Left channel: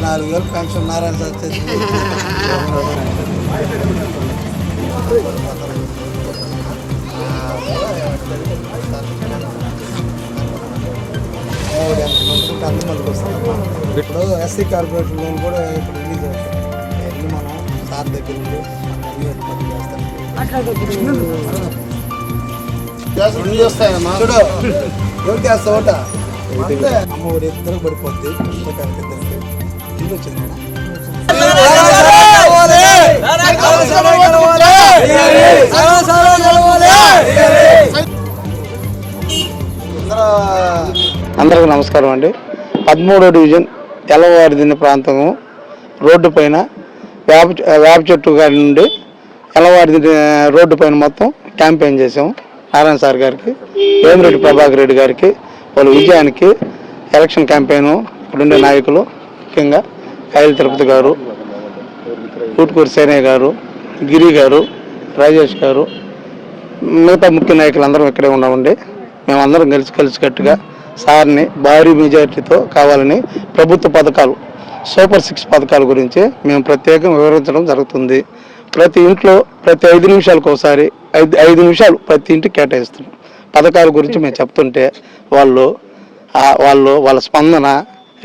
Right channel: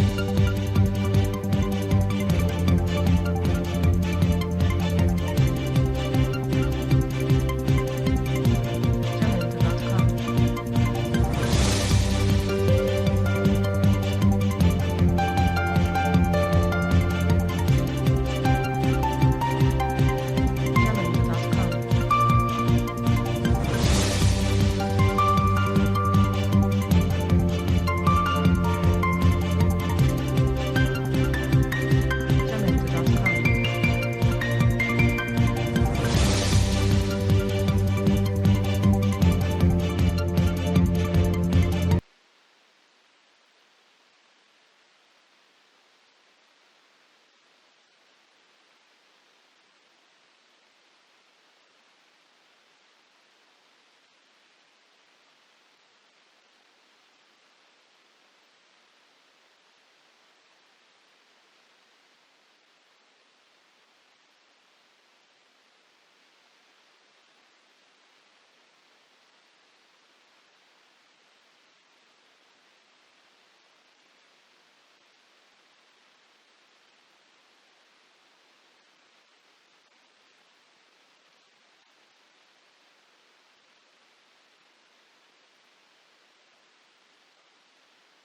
నాలుగు వేలు pension Narayana sir తెచ్చి ఇప్పుడు ఎస్సీ కార్పొరేషన్ లోన్ కూడా ఇది వెళ్ళి మనం సార్ దగ్గర ఉండి రెండు చేస్తాయమ్మా అమ్మ పడిపోద్ది అందరికీ నమస్కారం అండి. పదమూడో డివిజన్ ఎల్లవారిదిన్న ప్రాంతం రోడ్డు పైన వేప వేప చెట్టు గారి నుండి ఎల్లవారిది రోడ్డు పైన మొత్తం క్యాంపెయిన్ చేసాం నారాయణ సార్ గారికి వేమిరెడ్డి ప్రభాకర్ రెడ్డి గారికి వాళ్ళ విజయానికి ఎలక్షన్ క్యాంపెయిన్ ఇక్కడుండే నాయకులు ముఖ్యంగా కాయల తిరుపతి గారు ఊటుకూరి సేనయ్య గారు గిరి గారు రాజేష్ గారు మిగతా ముఖ్య నాయకులు అందరం ఇక్కడే ఉన్నామండి. మేమందరం కలిసి కలిసికట్టుగా సార్ని భారీ మెజార్టీతో కావాలని ప్రభుత్వ పథకాలు సూపర్ సిక్స్ పథకాల గురించి మేము ప్రత్యేకంగా వివరించడం జరుగుతుంది. ప్రతి ఇంట్లో ప్రతి ఐదు నిమిషాలకు ఒకసారి ఐదు ఐదు నిమిషాలు ప్రతి ఇంటికి కేటాయిస్తున్నాం. పథకాల గురించి మేము చెప్తుంటే వాళ్ళు వాళ్ళు వాళ్ళ స్పందన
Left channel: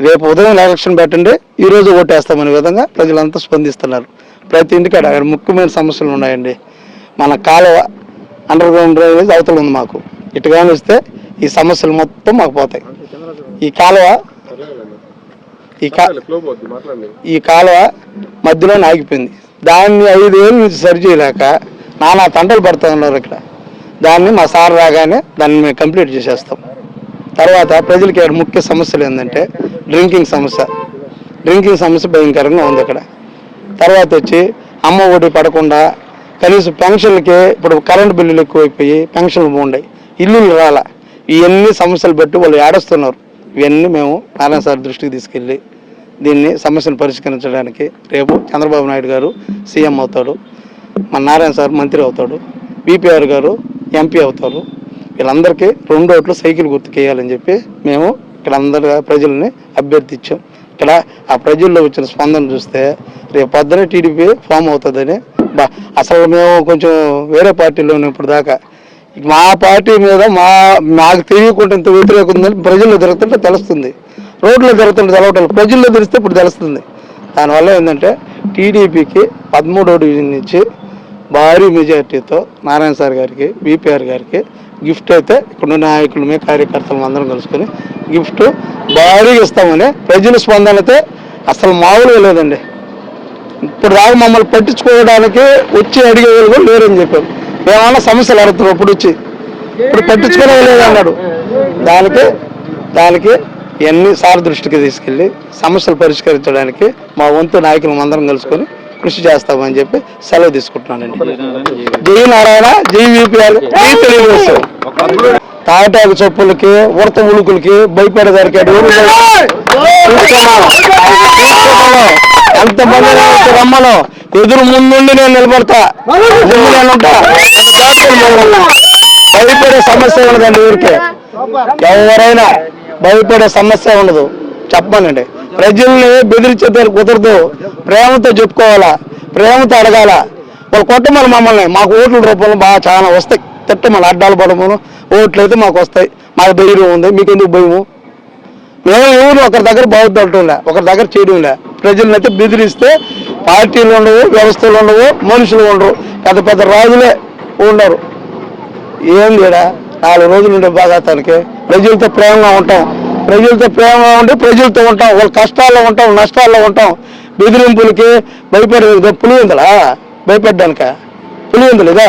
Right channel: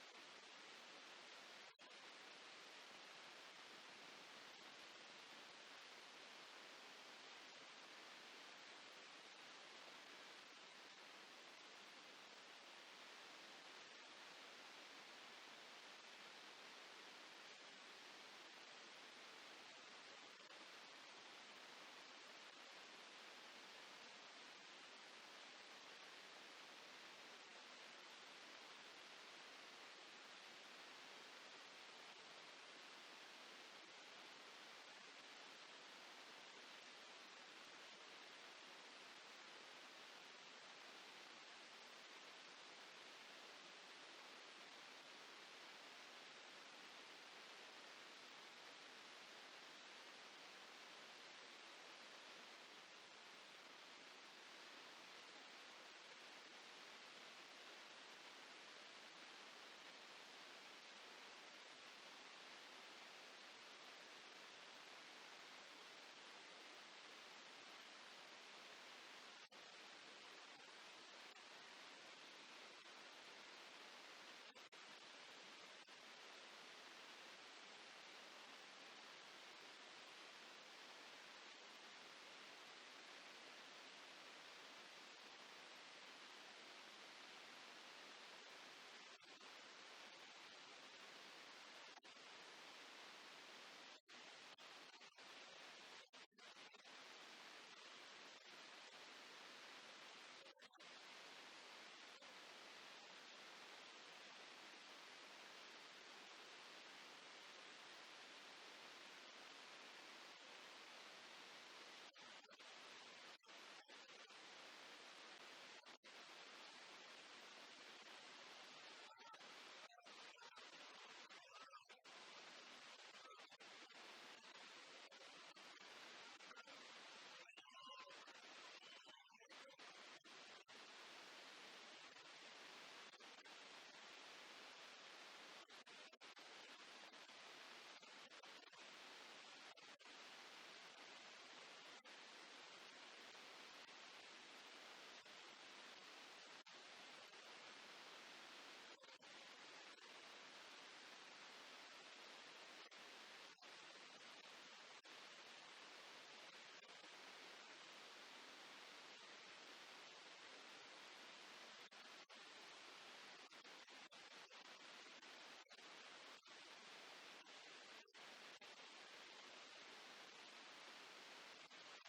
రేపు ఉదయం ఎలక్షన్ పెట్టండి ఈ రోజు ఓటేస్తామనే విధంగా ప్రజలంతా స్పందిస్తున్నారు. ప్రతి ఇంటికి అక్కడ ముఖ్యమైన సమస్యలు ఉన్నాయండి. మన కాలువ అండర్ గ్రౌండ్ డ్రైనేజ్ అవతల ఉంది మాకు. ఇటు వస్తే ఈ సమస్యలు మొత్తం మాకు పోతాయి. ఈ కాలువ ఈ కా ఈ కాలువ మధ్యలోనే ఆగిపోయింది. దాన్ని ఐదు ఏళ్ళ నుంచి సరి చేయలేక నానా తంటలు పడుతూ ఉన్నారు ఇక్కడ. దాన్ని మా సార్ రాగానే దాన్ని మేము కంప్లీట్ చేసేస్తాం. తర్వాత ప్రజలకి ఇక్కడ ముఖ్య సమస్యలు ఏంటంటే డ్రింకింగ్ సమస్య. డ్రింకింగ్ సమస్య భయంకరంగా ఉంది ఇక్కడ తర్వాత వచ్చి అమ్మ ఒడి పడకుండా కనీసం పెన్షన్లకి ఇప్పుడు కరెంటు బిల్లులు ఎక్కువైపోయి పెన్షన్లు బాగుండాయి ఇల్లులు రాల. ఇవన్నీ సమస్యలు పెట్టి వాళ్ళు ఏడుస్తున్నారు. ఇవన్నీ మేము నారాయణ సార్ దృష్టికి తీసుకెళ్ళి దీన్ని సమస్యను పరిష్కరించడానికి రేపు చంద్రబాబు నాయుడు గారు సీఎం అవుతాడు. మన నారాయణ సార్ మంత్రి అవుతాడు బీపీఆర్ గారు ఎంపీ అవుతారు. వీళ్ళందరికీ రెండు ఓట్లు సైకిల్ గుర్తుకేయాలని చెప్పి మేము ఇక్కడ అందరి ప్రజల్ని అభ్యర్థించాం. ఇక్కడ ఆ ప్రజల్లో వచ్చిన స్పందన చూస్తే రేపు పొద్దునే టీడీపీ ఫామ్ అవుతుందని అసలు మేము కొంచెం వేరే పార్టీలో ఇప్పుడు దాకా మా పార్టీ మీద మా మాకు తెలియకుండా ఇంత వ్యతిరేకం ఉందని ప్రజల్లో తిరుగుతుంటే తెలుస్తుంది. రోడ్లో తిరుగుతుంటే తెలవటం ప్రజల్లో తెలిస్తే ఇప్పుడు తెలుస్తుంది. దానివల్ల ఏంటంటే టీడీపీకి పదమూడో డివిజన్ నుంచి భారీ మెజార్టీతో నారాయణ సార్ గారికి బీపీఆర్ గారికి గిఫ్ట్ అయితే ఇక్కడ నాయకులు మీ కార్యకర్తలు అందరం కలుసుకొని గిఫ్ట్ భారీగా ఇస్తామని ప్రజల స్పందన అయితే అసలు మామూలుగా లేదండి. ఇప్పుడు దాకా మమ్మల్ని పట్టించుకోవడానికి వచ్చి అడిగే వాళ్ళు కూడా లేరని చెప్పారు. మేమన్నా సమస్యలు అడుగుతున్నాం ఇప్పుడు వచ్చి. ఇప్పుడు పట్టించుకోలేదు అన్నాడు దానికి దానికి ఇవన్నీ సార్ దృష్టికి తీసుకెళ్ళి సమస్యలు పరిష్కరించడానికి మా వంతు నాయకులు అందరం కలుసుకొని కృషి చేస్తామని చెప్పి సెలవు తీసుకుంటున్నానండి. జై నారాయణ జై యూపీఆర్ జై తెలుగుదేశం. తాటాకు చెప్పులకి ఉడత ఉలుకులకి భయపడేదానికి దొరికాడు ఎంతమంది రమ్మను ఎదురు ముందుండి నేను నిలబడతా. ముందు నేను భయపడే సమస్య ఉండదండి ఊరికే. ఎవరైనా భయపడే సమస్య ఉండదు. చెప్పమనండి. ప్రజల్ని బెదిరించేదాన్ని కుదరదు. ప్రేమతో చెప్పుకోవాలా? ప్రేమతో అడగాల? వాళ్ళు కొట్టమని మమ్మల్ని. మాకు ఓట్ల రూపంలో బాగా చాలా వస్తాయి. తిట్టమని అడ్డాలు పడమను. ఓట్లు అయితే మాకు వస్తాయి. మాకు ధైర్యం ఉంది. మీకు ఎందుకు భయము? మేము ఎవరు ఒకరి దగ్గర బాగుతుంటలే ఒకరి దగ్గర చేయడంలే ప్రజలను అయితే బెదిరిస్తే పార్టీలు ఉండవు వ్యవస్థలు ఉండవు మనుషులు ఉండరు. పెద్ద పెద్ద రాజులే ఉండరు. ఏం లేడా? నాలుగు రోజులు ఉండే బాగాతానికి ప్రజలతో ప్రేమగా ఉంటాం. ప్రజలతో ప్రేమగా ఉండి ప్రజలతో ఉంటాం. వాళ్ళ కష్టాల్లో ఉంటాం నష్టాల్లో ఉంటాం. బెదిరింపులకి భయపడే పులివిందలా? భయపడ్డానిక? పులివిందలు ఇదా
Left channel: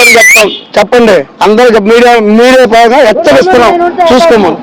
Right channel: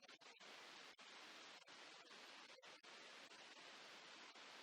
ఏం చెప్తాం. చెప్పండి. అందరూ మీడియా మీడియా బాగా హెచ్చరిస్తున్నాం. చూసుకోమని.